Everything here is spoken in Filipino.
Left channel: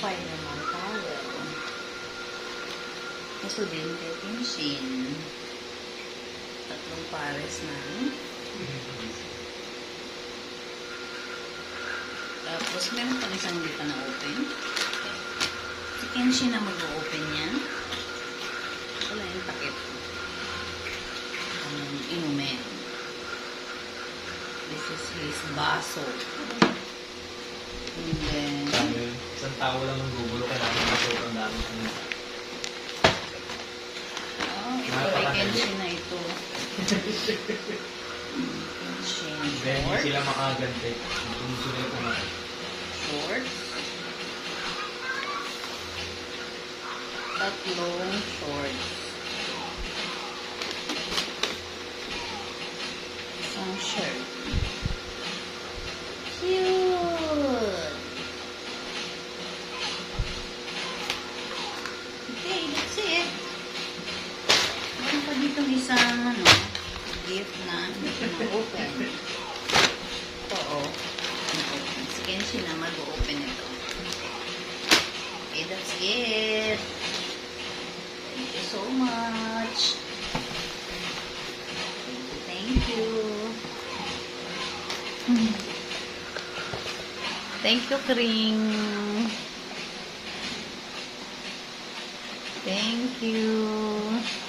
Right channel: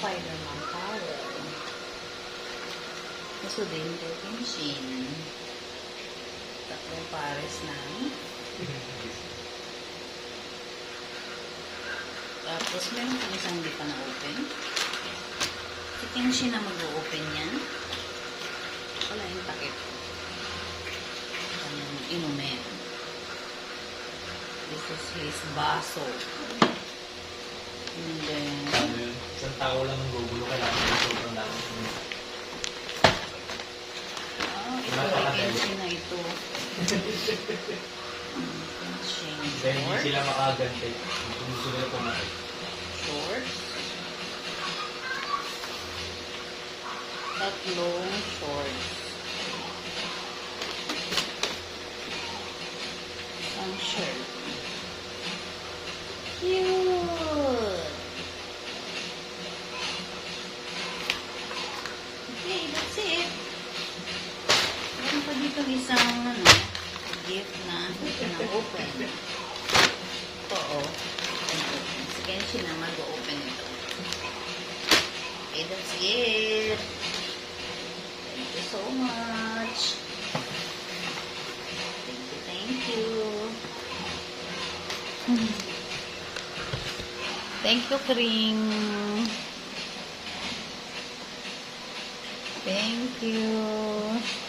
Spider-Man towel. Kaso din, Kenshin. Tatlong pares ng. Tapos, meron pang isang hindi pa na-open. Si Kenshin na mag-o-open yan. Wala yung takip. Anong inumin. This is his baso. And then, isang tao lang ang gugulo ka lang ng sobrang dami. oh, ito ay Kenshin na ito. Kenshin. Then, hindi sila makaganti. Hindi sila kumain. Shorts. Tatlong shorts. Isang shirt. Cute! Okay, that's it. Meron pa dito isang, gift na hindi ko na-open. Oo. Si Kenshin na mag-open ito. Okay, that's it. Thank you so much. Thank you. Thank you, Kring. Thank you.